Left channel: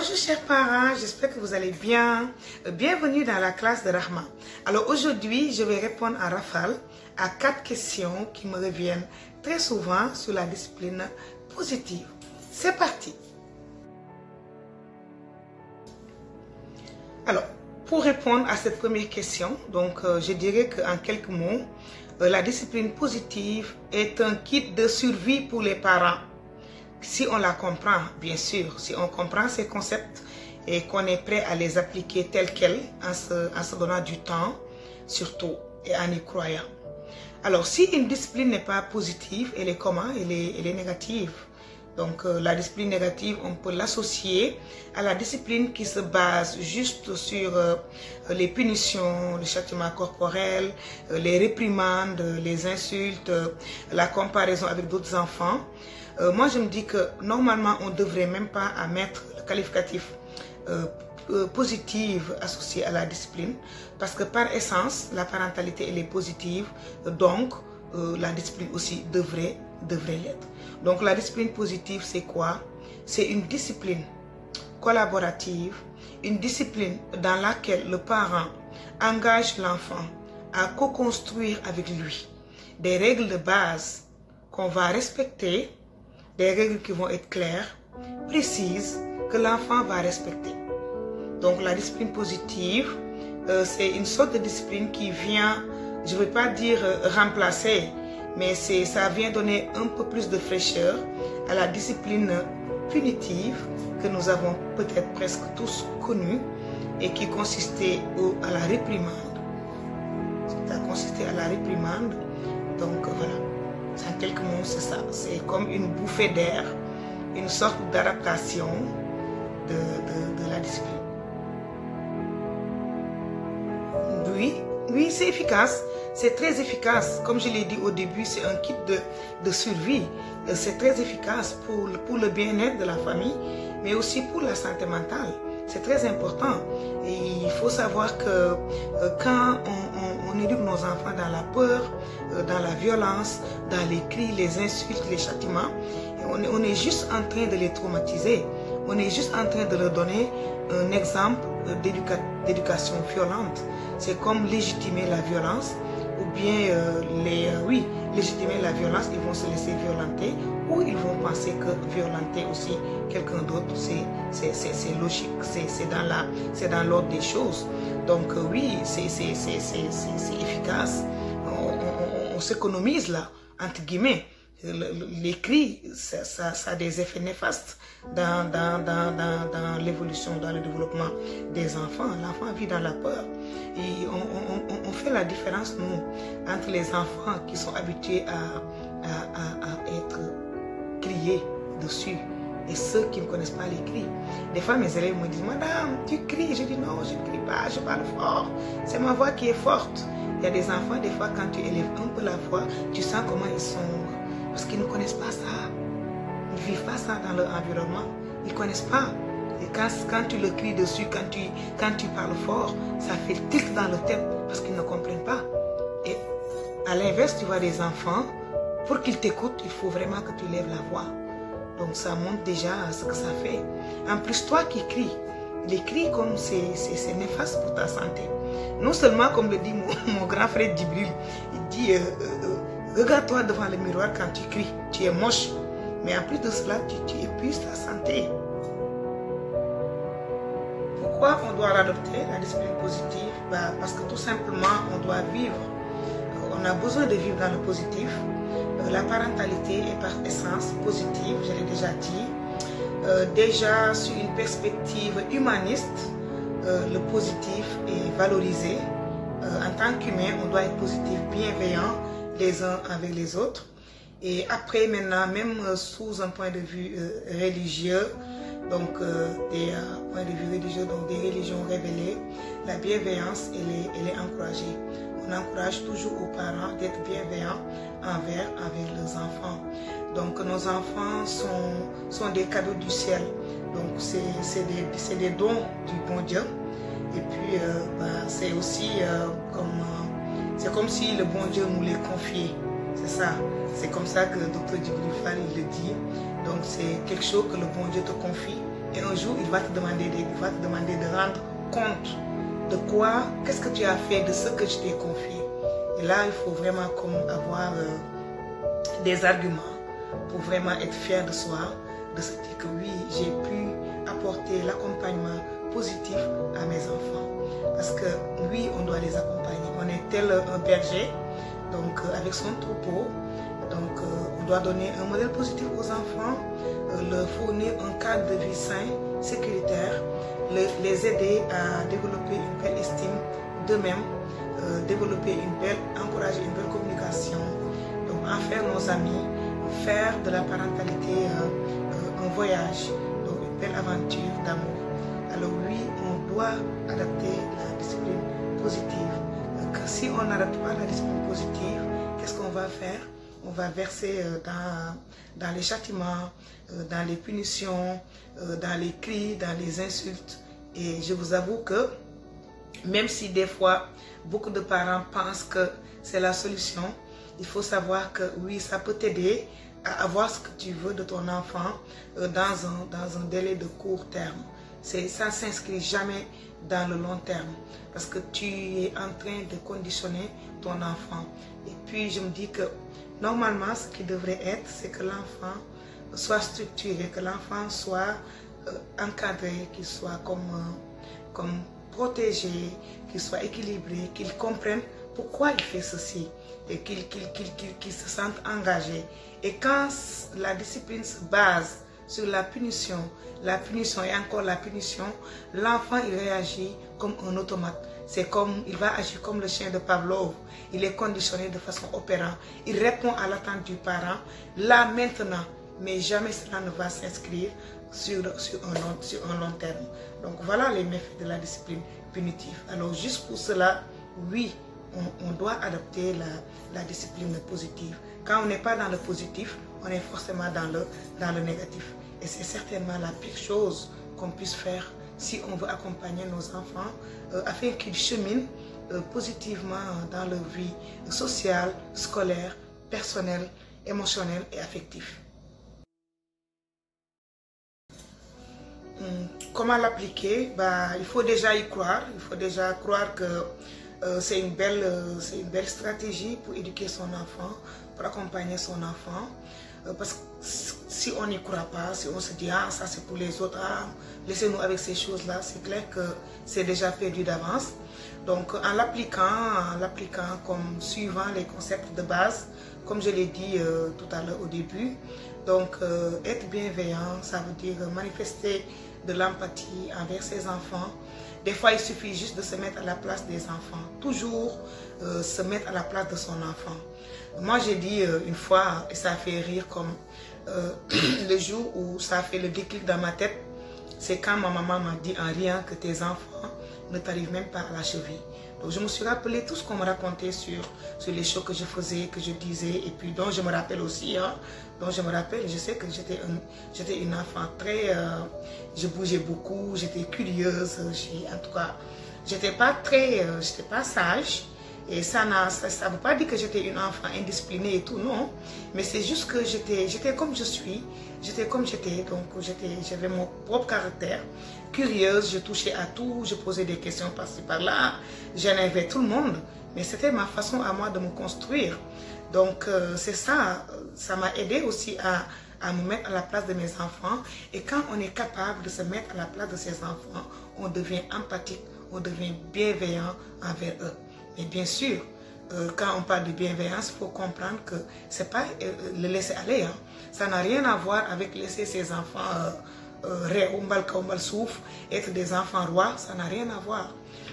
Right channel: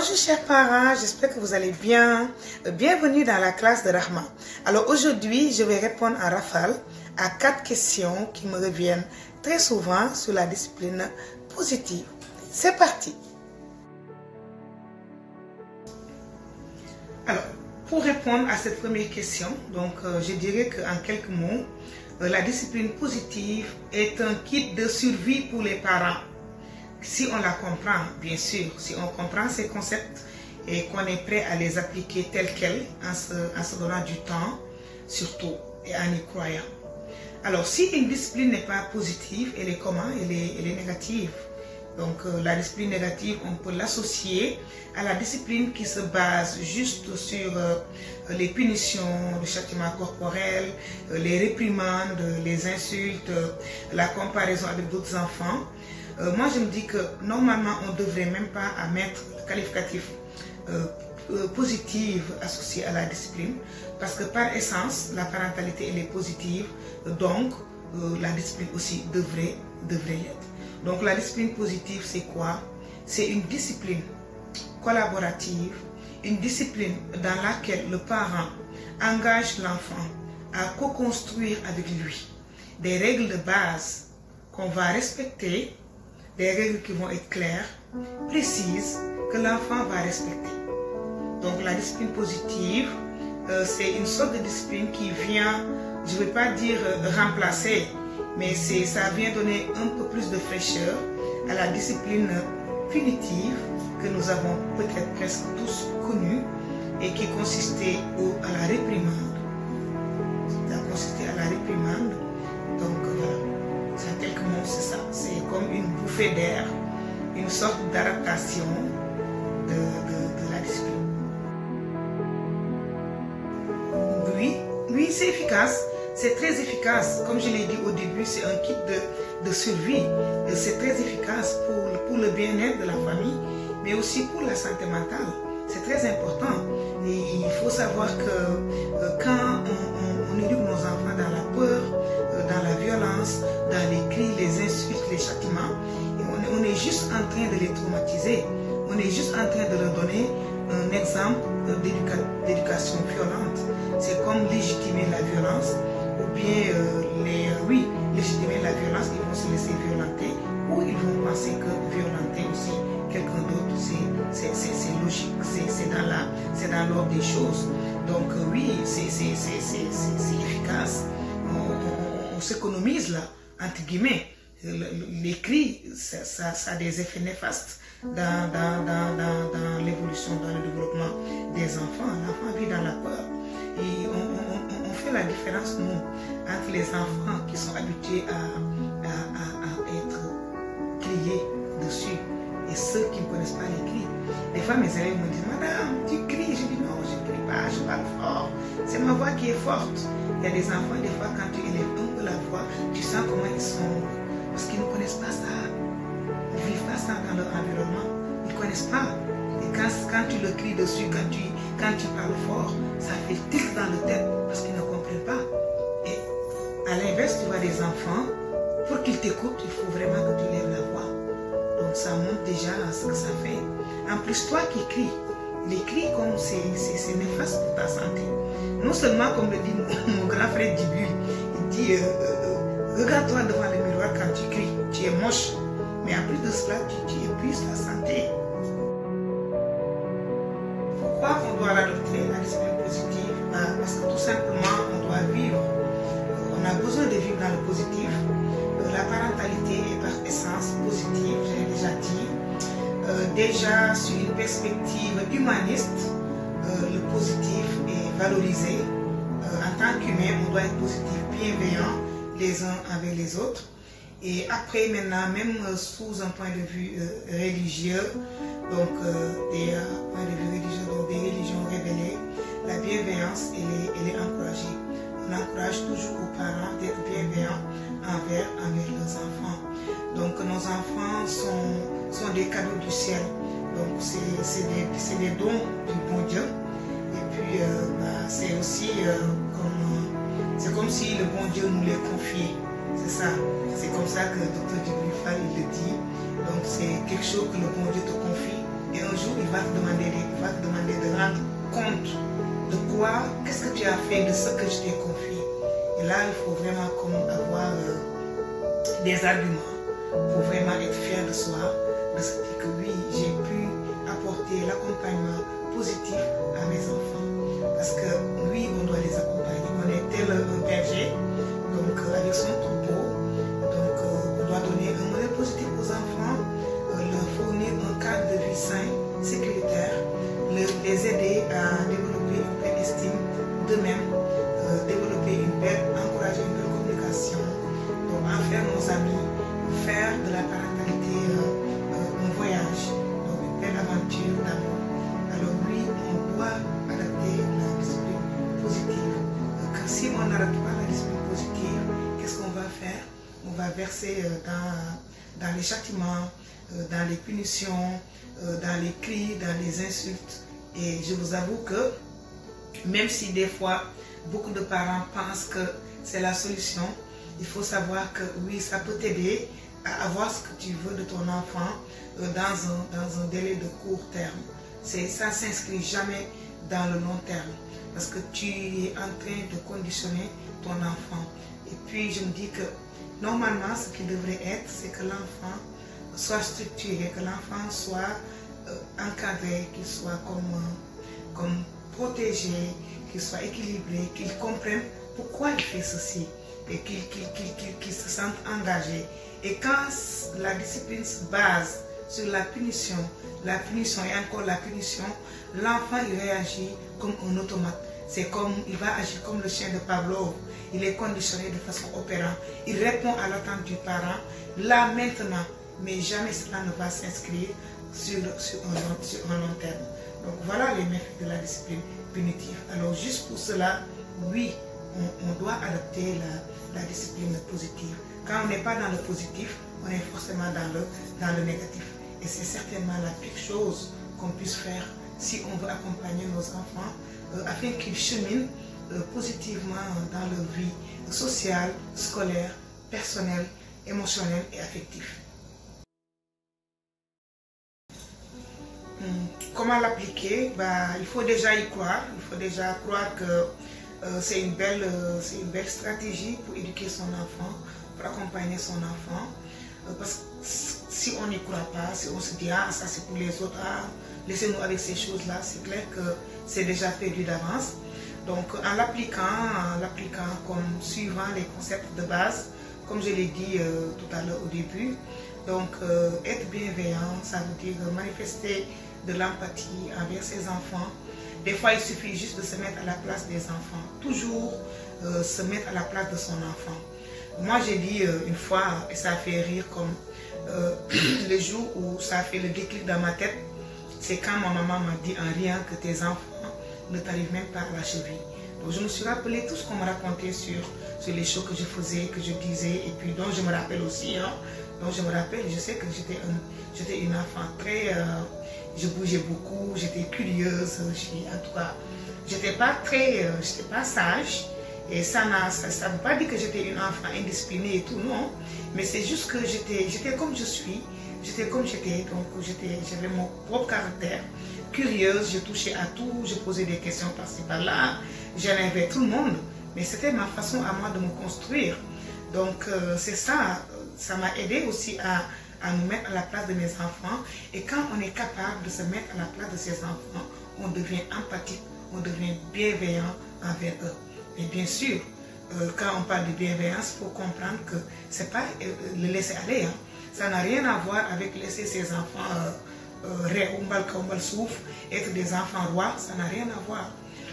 Bonjour chers parents, j'espère que vous allez bien. Bienvenue dans la classe de Rahma. Alors aujourd'hui, je vais répondre en rafale à 4 questions qui me reviennent très souvent sur la discipline positive. C'est parti. Alors, pour répondre à cette première question, donc je dirais qu'en quelques mots, la discipline positive est un kit de survie pour les parents. Si on la comprend, bien sûr, si on comprend ces concepts et qu'on est prêt à les appliquer tels quels, en se donnant du temps, surtout, et en y croyant. Alors, si une discipline n'est pas positive, elle est comment? Elle est négative. Donc, la discipline négative, on peut l'associer à la discipline qui se base juste sur les punitions, le châtiment corporel, les réprimandes, les insultes, la comparaison avec d'autres enfants. Moi, je me dis que normalement, on ne devrait même pas mettre le qualificatif positive associé à la discipline, parce que par essence, la parentalité, elle est positive, donc la discipline aussi devrait l'être. Donc la discipline positive, c'est quoi? C'est une discipline collaborative, une discipline dans laquelle le parent engage l'enfant à co-construire avec lui des règles de base qu'on va respecter, des règles qui vont être claires, précises, que l'enfant va respecter. Donc la discipline positive, c'est une sorte de discipline qui vient, je ne vais pas dire remplacer, mais ça vient donner un peu plus de fraîcheur à la discipline punitive que nous avons peut-être presque tous connue et qui consistait à la réprimande. Ça consistait à la réprimande, donc voilà. En quelques mots, c'est ça. C'est comme une bouffée d'air, une sorte d'adaptation de la discipline. Oui, c'est efficace. C'est très efficace. Comme je l'ai dit au début, c'est un kit de survie. C'est très efficace pour le bien-être de la famille, mais aussi pour la santé mentale. C'est très important. Et il faut savoir que quand on éduque nos enfants dans la peur, dans la violence, dans les cris, les insultes, les châtiments, et on est juste en train de les traumatiser. On est juste en train de leur donner un exemple d'éducation violente. C'est comme légitimer la violence, ou bien légitimer la violence, ils vont se laisser violenter, ou ils vont penser que violenter aussi quelqu'un d'autre, c'est logique, c'est dans l'ordre des choses. Donc oui, c'est efficace. On s'économise là, entre guillemets. Les cris, ça a des effets néfastes dans l'évolution, dans le développement des enfants. L'enfant vit dans la peur. Et on fait la différence, nous, entre les enfants qui sont habitués à être criés dessus et ceux qui ne connaissent pas les cris. Des fois, mes élèves me disent, Madame, tu cries? Je dis, non, je ne crie pas, je parle fort. C'est ma voix qui est forte. Il y a des enfants, des fois, quand tu élèves un peu la voix, tu sens comment ils sont. Parce qu'ils ne connaissent pas ça. Ils ne vivent pas ça dans leur environnement. Ils ne connaissent pas. Et quand tu le cries dessus, quand tu parles fort, ça fait tic dans la tête parce qu'ils ne comprennent pas. Et à l'inverse, tu vois des enfants, pour qu'ils t'écoutent, il faut vraiment que tu lèves la voix. Donc ça montre déjà ce que ça fait. En plus, toi qui cries, les cris comme c'est néfaste pour ta santé. Non seulement, comme le dit mon grand frère Djibril, il dit regarde-toi devant le miroir quand tu cries, tu es moche. Mais en plus de cela, tu épuises ta santé. Pourquoi on doit l'adopter, la discipline positive? Parce que tout simplement, on doit vivre. On a besoin de vivre dans le positif. La parentalité est par essence positive, je l'ai déjà dit. Déjà, sur une perspective humaniste, le positif est valorisé. En tant qu'humain, on doit être positif, bienveillant les uns avec les autres. Et après, maintenant, même sous un point de vue religieux, donc des points de vue religieux, donc des religions révélées, la bienveillance, elle est encouragée. On encourage toujours aux parents d'être bienveillants envers leurs enfants. Donc nos enfants sont des cadeaux du ciel. Donc c'est des dons du bon Dieu. Et puis c'est aussi comme si le bon Dieu nous les confiait. C'est ça. C'est comme ça que Dr. Djibril Fall il le dit. Donc c'est quelque chose que le bon Dieu te confie Et un jour, il va te demander de rendre compte de quoi, qu'est-ce que tu as fait de ce que je t'ai confié. Et là, il faut vraiment comme avoir des arguments pour vraiment être fier de soi, de se dire que oui, j'ai pu apporter l'accompagnement positif à mes enfants. Parce que oui, on doit les accompagner. On est tel un berger, donc avec son troupeau. Donc on doit donner un modèle positif aux enfants, leur fournir un cadre de vie sain, sécuritaire, les aider à développer une belle estime d'eux-mêmes, encourager une belle communication, donc en faire nos amis, faire de la parentalité un voyage, donc une belle aventure d'amour. Alors oui, on doit adapter la discipline positive. Car si on n'adapte pas la discipline positive, qu'est-ce qu'on va faire? On va verser dans les châtiments, dans les punitions, dans les cris, dans les insultes. Et je vous avoue que même si des fois beaucoup de parents pensent que c'est la solution, il faut savoir que oui, ça peut t'aider à avoir ce que tu veux de ton enfant dans un délai de court terme. Ça ne s'inscrit jamais dans le long terme parce que tu es en train de conditionner ton enfant. Et puis je me dis que normalement, ce qui devrait être, c'est que l'enfant soit structuré, que l'enfant soit encadré, qu'il soit comme protégé, qu'il soit équilibré, qu'il comprenne pourquoi il fait ceci et qu'il se sente engagé. Et quand la discipline se base sur la punition et encore la punition, l'enfant il réagit comme un automate. Il va agir comme le chien de Pavlov. Il est conditionné de façon opérante. Il répond à l'attente du parent, là maintenant, mais jamais cela ne va s'inscrire sur un long terme. Donc voilà les méfaits de la discipline punitive. Alors juste pour cela, oui, on doit adopter la discipline positive. Quand on n'est pas dans le positif, on est forcément dans le négatif. Et c'est certainement la pire chose qu'on puisse faire si on veut accompagner nos enfants afin qu'ils cheminent positivement dans leur vie sociale, scolaire, personnelle, émotionnelle et affective. Comment l'appliquer? Il faut déjà y croire. Il faut déjà croire que c'est une belle stratégie pour éduquer son enfant, pour accompagner son enfant. Parce que si on n'y croit pas, si on se dit « Ah, ça c'est pour les autres, ah, laissez-nous avec ces choses-là », c'est clair que c'est déjà perdu d'avance. Donc en l'appliquant comme suivant les concepts de base, comme je l'ai dit tout à l'heure au début, donc être bienveillant, ça veut dire manifester de l'empathie envers ses enfants. Des fois, il suffit juste de se mettre à la place des enfants. Toujours se mettre à la place de son enfant. Moi, j'ai dit une fois, et ça a fait rire comme le jour où ça a fait le déclic dans ma tête, c'est quand ma maman m'a dit en riant que tes enfants ne t'arrivent même pas à la cheville. Donc je me suis rappelé tout ce qu'on me racontait sur les choses que je faisais, que je disais, et puis dont je me rappelle aussi, je sais que j'étais une enfant très... je bougeais beaucoup, j'étais curieuse, en tout cas, j'étais pas sage. Et ça ne veut pas dire que j'étais une enfant indisciplinée et tout, non. Mais c'est juste que j'étais comme je suis, j'étais comme j'étais, donc j'avais mon propre caractère. Curieuse, je touchais à tout, je posais des questions par-ci par-là, j'énervais tout le monde. Mais c'était ma façon à moi de me construire. Donc c'est ça, ça m'a aidé aussi à me mettre à la place de mes enfants. Et quand on est capable de se mettre à la place de ses enfants, on devient empathique, on devient bienveillant envers eux. Mais bien sûr, quand on parle de bienveillance, il faut comprendre que ce n'est pas le laisser aller. Hein. Ça n'a rien à voir avec laisser ses enfants être des enfants rois. Ça n'a rien à voir.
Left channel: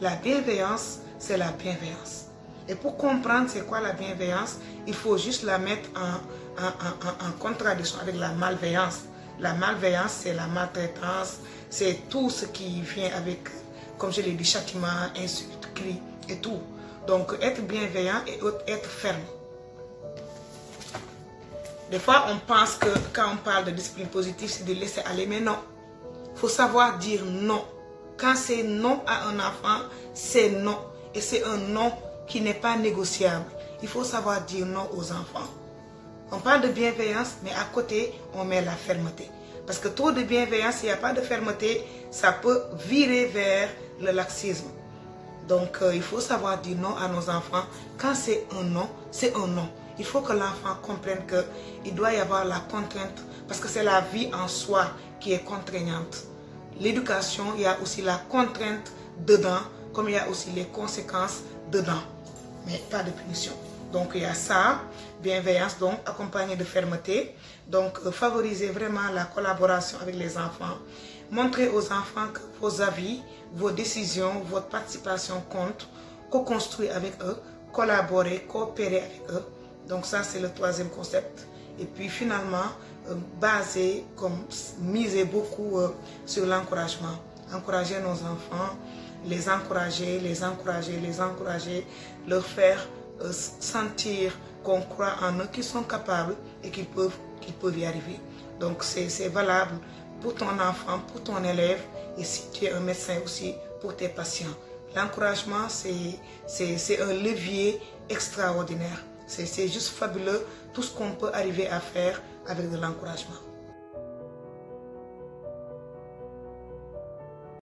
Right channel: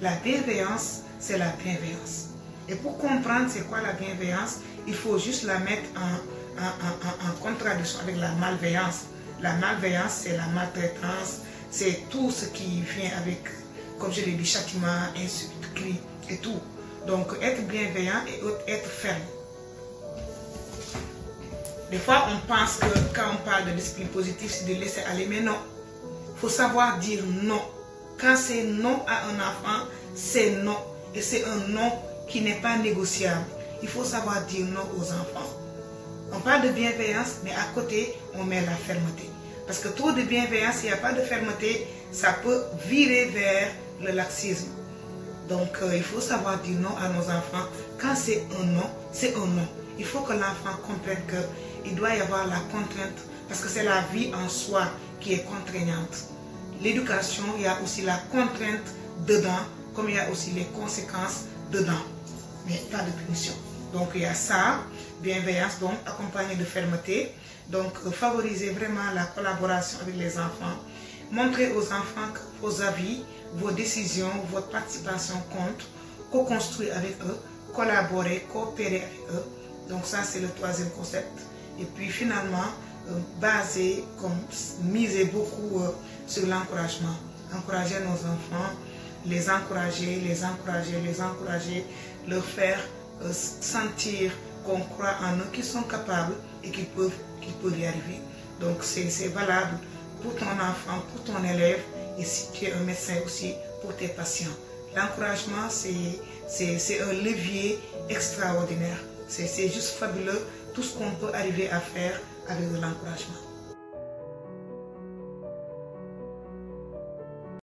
La bienveillance, c'est la bienveillance. Et pour comprendre c'est quoi la bienveillance, il faut juste la mettre en contradiction avec la malveillance. La malveillance, c'est la maltraitance, c'est tout ce qui vient avec, comme je l'ai dit, châtiment, insultes, cris et tout. Donc, être bienveillant et être ferme. Des fois, on pense que quand on parle de discipline positive, c'est de laisser aller, mais non. Il faut savoir dire non. Quand c'est non à un enfant, c'est non. Et c'est un non qui n'est pas négociable. Il faut savoir dire non aux enfants. On parle de bienveillance, mais à côté, on met la fermeté. Parce que trop de bienveillance, s'il n'y a pas de fermeté, ça peut virer vers le laxisme. Donc, il faut savoir dire non à nos enfants. Quand c'est un non, c'est un non. Il faut que l'enfant comprenne qu'il doit y avoir la contrainte, parce que c'est la vie en soi qui est contraignante. L'éducation, il y a aussi la contrainte dedans, comme il y a aussi les conséquences dedans, mais pas de punition. Donc, il y a ça, bienveillance, donc accompagnée de fermeté. Donc, favoriser vraiment la collaboration avec les enfants. Montrer aux enfants que vos avis, vos décisions, votre participation comptent, co-construire avec eux, collaborer, coopérer avec eux. Donc ça, c'est le troisième concept. Et puis finalement, miser beaucoup sur l'encouragement. Encourager nos enfants, les encourager, leur faire sentir qu'on croit en eux, qu'ils sont capables et qu'ils peuvent y arriver. Donc c'est valable pour ton enfant, pour ton élève, et si tu es un médecin aussi, pour tes patients. L'encouragement, c'est un levier extraordinaire. C'est juste fabuleux tout ce qu'on peut arriver à faire avec de l'encouragement.